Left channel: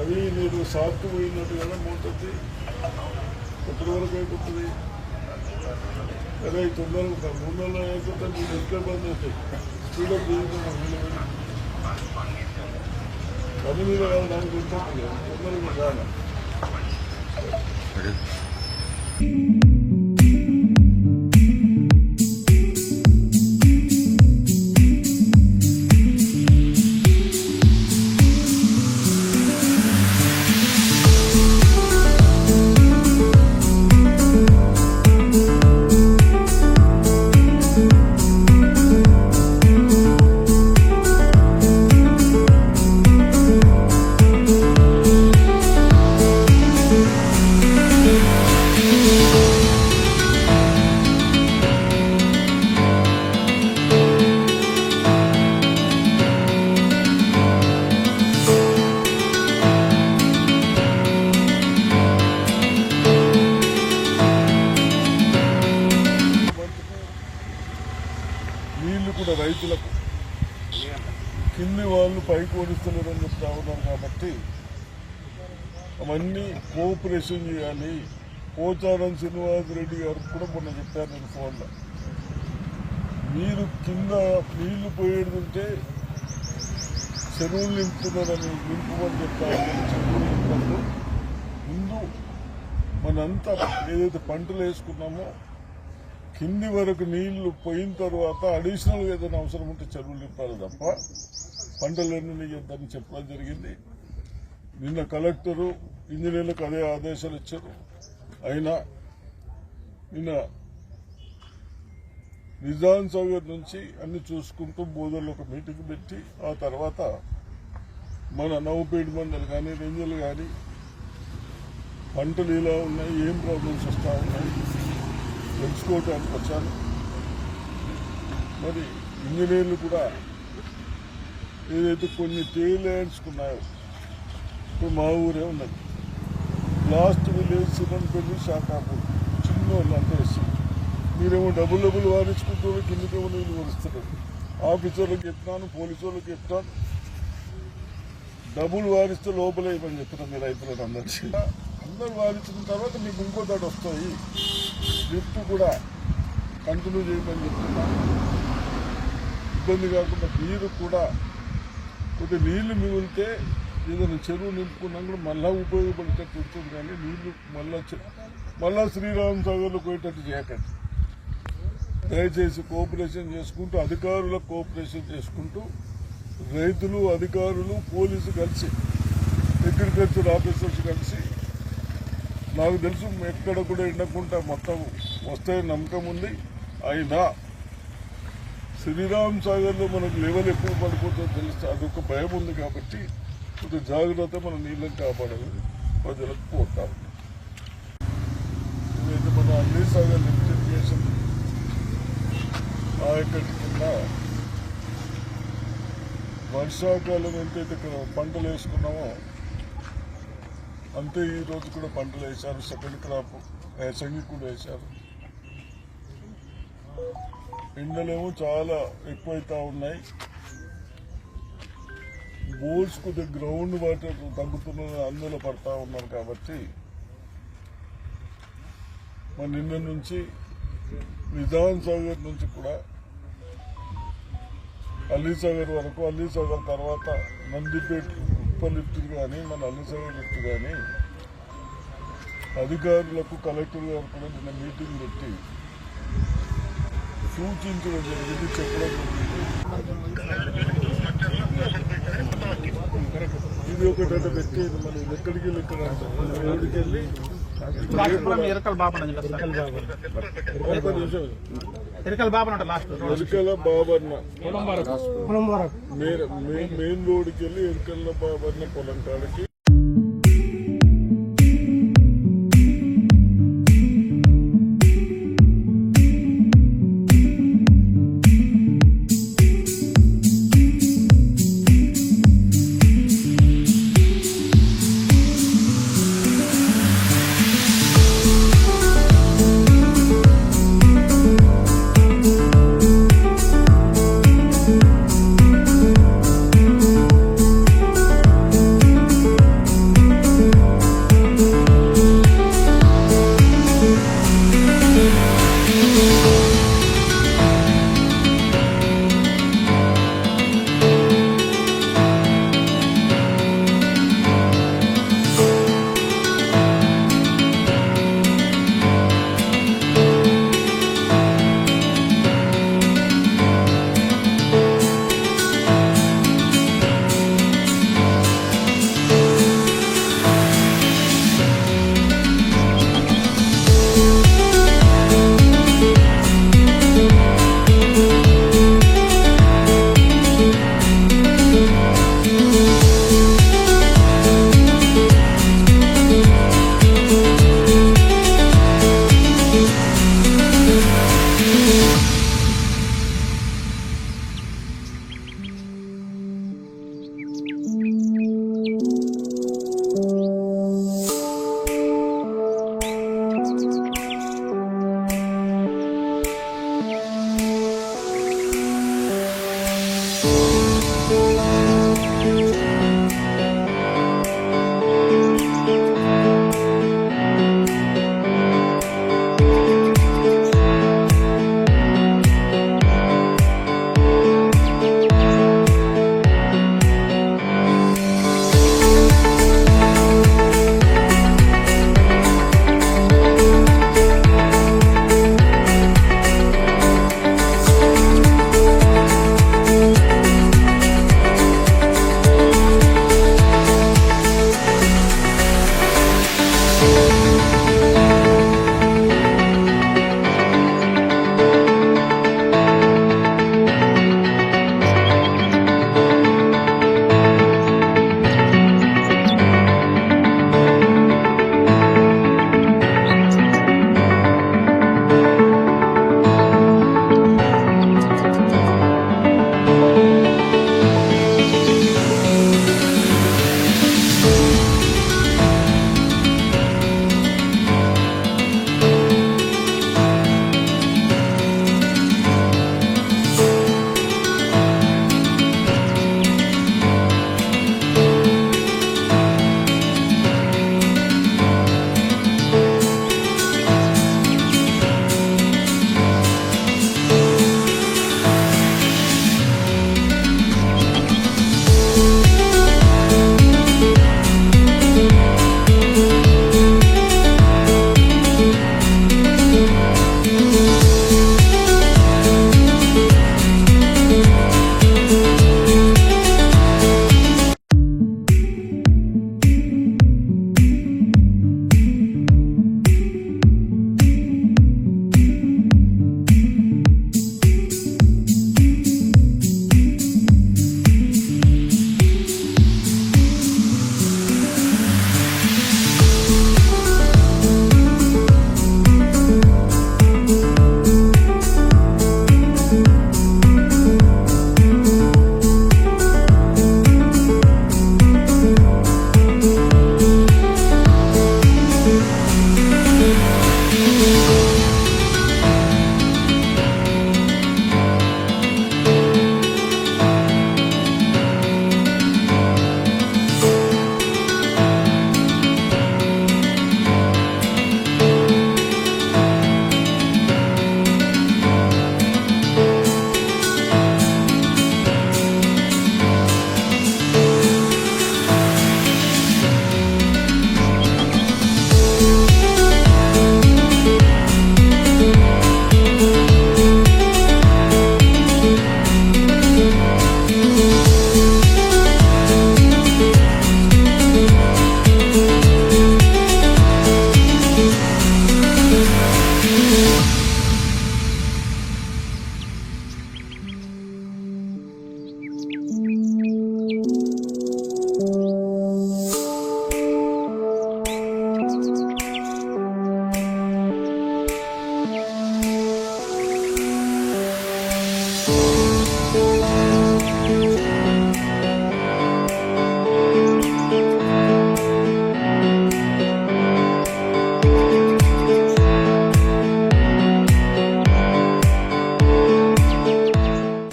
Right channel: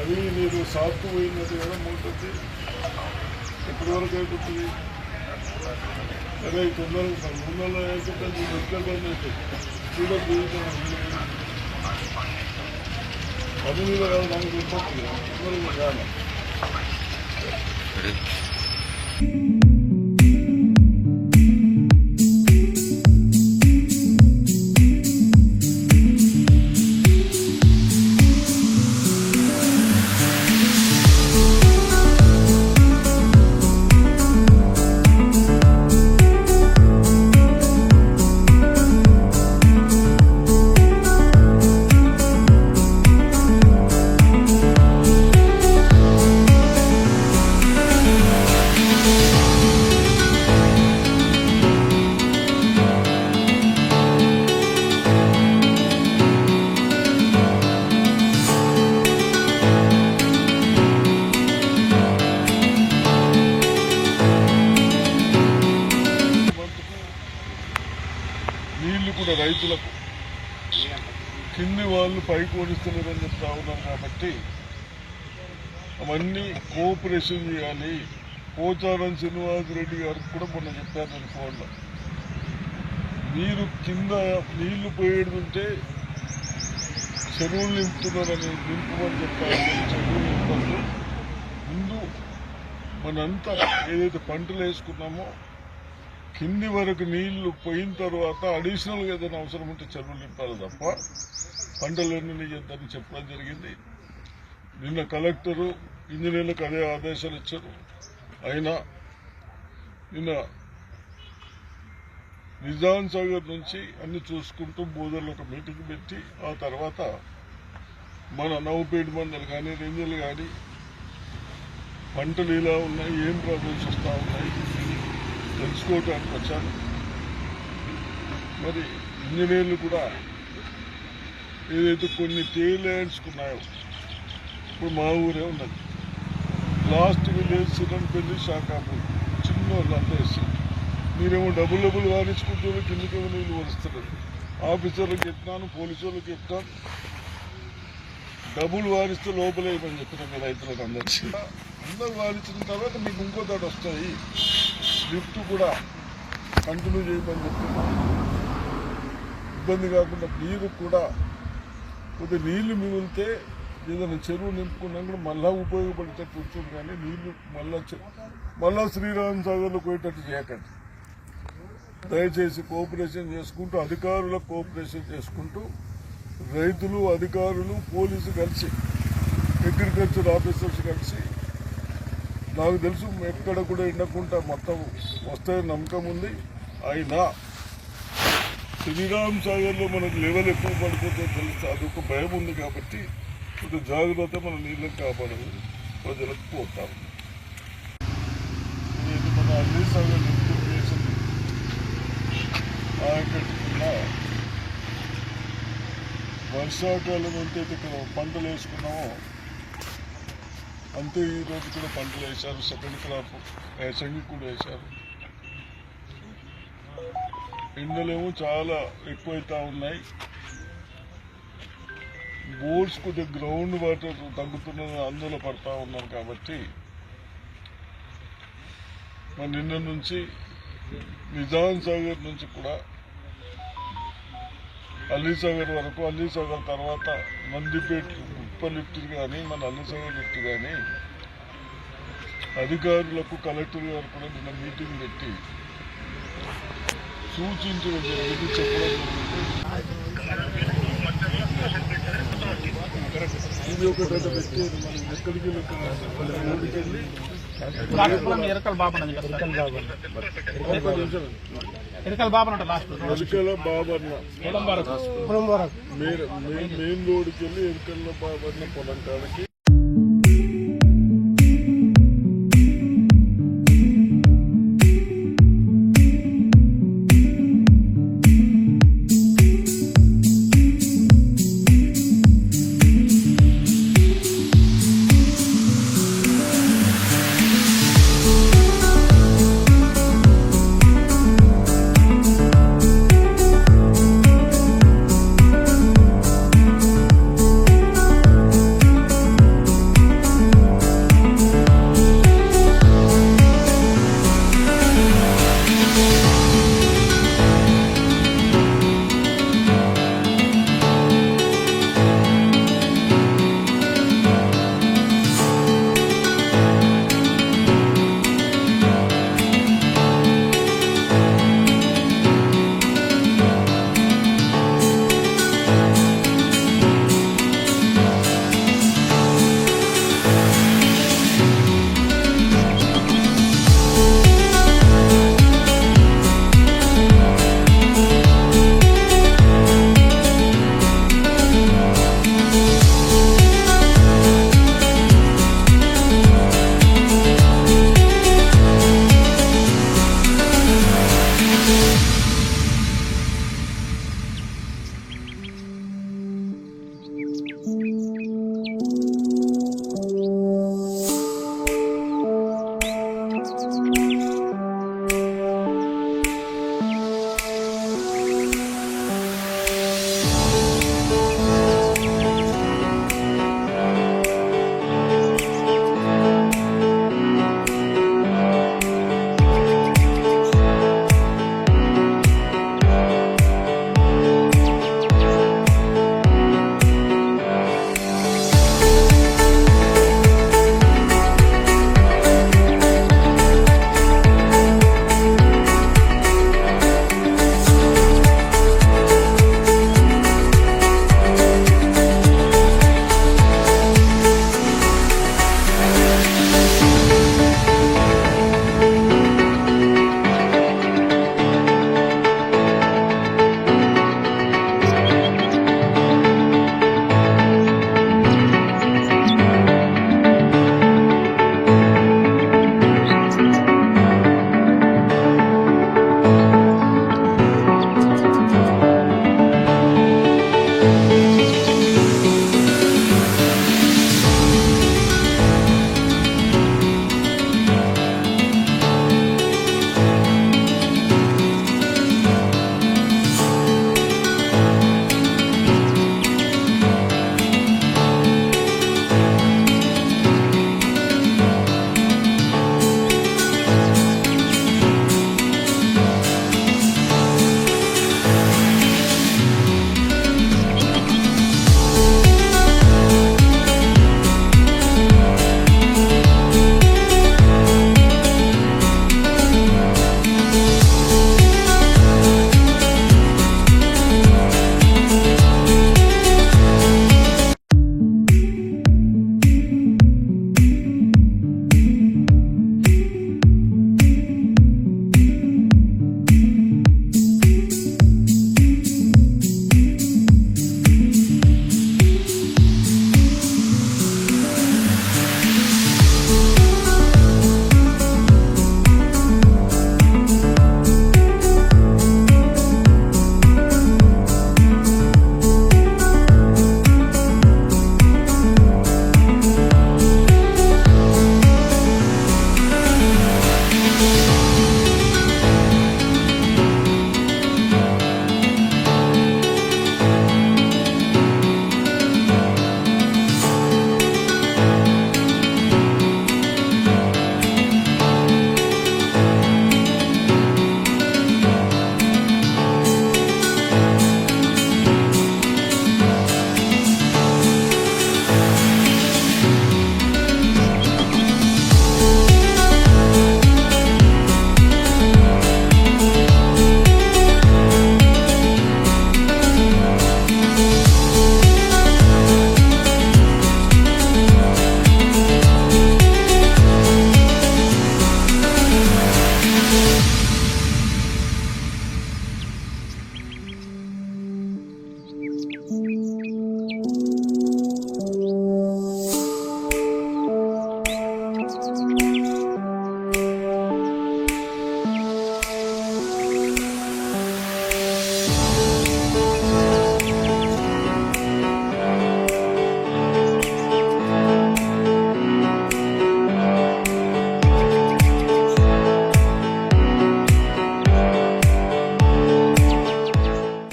అది మీరు షాప్కు పోయినట్టు కదా మూటది ఎప్పటి వరకు అయిపోతుంది? అదే తొందరగా 3 నెలలు అయిపోతుంది. మీరు ఎక్కడ స్పీడప్ దిగుతున్నాం పని మీద కాదు దానికి వెళ్ళిపోతుంది తొందరగా కాదు. నీళ్లు కూడా రైతులకు కింది వాళ్ళు పైకి ఓడిస్తలేరని చెప్తా ఉన్నారు. కాబట్టి అవన్నీ కోఆపరేషన్ చేయాలి. పోచారం శ్రీనివాసరెడ్డి గారికి కూడా మొన్న చెప్పాను నేను ఫోన్లో. మీరు కింద నీళ్లు పోయేడుంటే చెరువులు నింపుతున్నారని నింపమని చెప్తారు. చెరువులు నింపద్దు. ముందు మనంతా ఏదైతే పంటలు వేసుకున్నామో కింది వరకు నీళ్లు పోయిన తర్వాత అడిషనల్గా ఏదైనా అవసరం ఉంటే చెరువులు నింపాలి తప్ప పంటలు ఎన్ని చేద్దామని చెప్పడం జరిగింది. నిన్న కలెక్టరు ఇంజనీర్లకు అదే ఆదేశాలు ఇచ్చారు. అయినా నిన్న నిజాం సాగర్ నుంచి అన్ని చూసుకుంటూ బోధర్లో ఒక మీటింగ్ పెట్టి ఆ తర్వాత మన నవ్వుపేట మండలు కానీ రెంజలు కానీ పంటలు ఇలా ఉన్నాయి, ఏం ప్రాబ్లమ్స్ వస్తూ ఉన్నాయి తెలుసుకోవడానికి వచ్చాను. మరి ఇంజనీర్లు కూడా ఏదైతే కొన్ని తేలేడ్చుకున్నాయో ఇప్పుడు మా ఊరే ఉన్నది. లాస్ట్ విలేజ్ సిరంపల్లి శాఖాపూర్ చిన్న వాళ్ళు అంతా వేస్తారు. మీరేమో డబ్బులు వారించుకుంటూ కిందకేమో నీళ్ళు వరుస్తున్నారు. ఆఫీసర్లకు చెప్తాను, పోలీసు వాళ్ళకి చెప్తాను, డబ్బులు వారిస్తే లోపలేమని చెప్తున్నాం మీ రైతులకు అందరూ వారించిన తర్వాత మీకు ఇంకో దాటి వస్తాయి. లిఫ్ట్ కూడా కంటిన్యూ చేయమని చెప్తున్నా. ఇబ్బంది కాకుండా మీరు కూడా కొద్దిగా నీళ్లు మిగిలితే ఏదైనా చెరువు నింపుకున్నా కూడా మళ్ళా ఉపయోగపడేటట్టు ఉంటుంది. కానీ నీళ్లు మళ్ళా శ్రీరామ్ సాగర్లో పోయేటట్టు చేయకండి. దయచేసి కోఆపరేషన్ చేసుకుంటూ అధికారులకు కోఆపరేషన్ చేసుకుంటూ రైతులు, అధికారులు, పోలీసు కలిసి, అగ్రికల్చర్ ఆఫీసర్స్ కలిసి, నాకు తెలుసు ఎక్కడ కూడా ఎండకుండా మొత్తం వస్తాయని నమ్మకం ఉంది. అయినా శ్రీరామ్ సాగర్లో మనకు లెవెల్ ఎక్కువ పడిపోతుందో తెలుస్తే అదొక భయం ఉంది. కాబట్టి కొద్దిగా జాగ్రత్త మన నీళ్ళని కాపాడాలని ప్రజలకు కోరుతా ఉన్నాం. ఇదైతే మన అన్ని సాగర్ లిఫ్ట్ ఇరిగేషన్ ఆయకట్టుకున్న వర్షాకాలం ఎంతైతే ఇక్కడ పంటలు వేసుకున్నామో అంతే ఈ రోజు కూడా పంటలు వేశారు. సెకండ్ క్రాప్ యాసంగి కూడా వేశారు. ఎండలేమో చాలా ఎక్కువైతా ఉన్నాయి. బోర్డ్స్ కొద్దిగా గ్రౌండ్ వాటర్ తగ్గుతున్న ఆందోళన పడతా ఉన్నారు. కాబట్టి మన నిన్న నుంచి నిజాం సాగర్ నుంచి కూడా అలీసాగర్ వరకు, అలీసాగర్ తర్వాత నందిపేట ఉప్ప లిఫ్ట్ కానీ మన అలీసాగర్ లిఫ్ట్ కానీ అధికారులకు కలెక్టర్ గారు కూడా నిన్న మీటింగ్ పెట్టి సూచించడం జరిగింది, చెప్పడం జరిగింది. ఇది ఒక డేటా పెట్టేది మనం ఎక్కడికి వెళ్ళి రోడ్డుకి వెళ్ళి ఎరకల బాబన్న మెయిన్ రోడ్డుకి వెళ్ళి ఎరకల బాబన్న పొలం కాడికి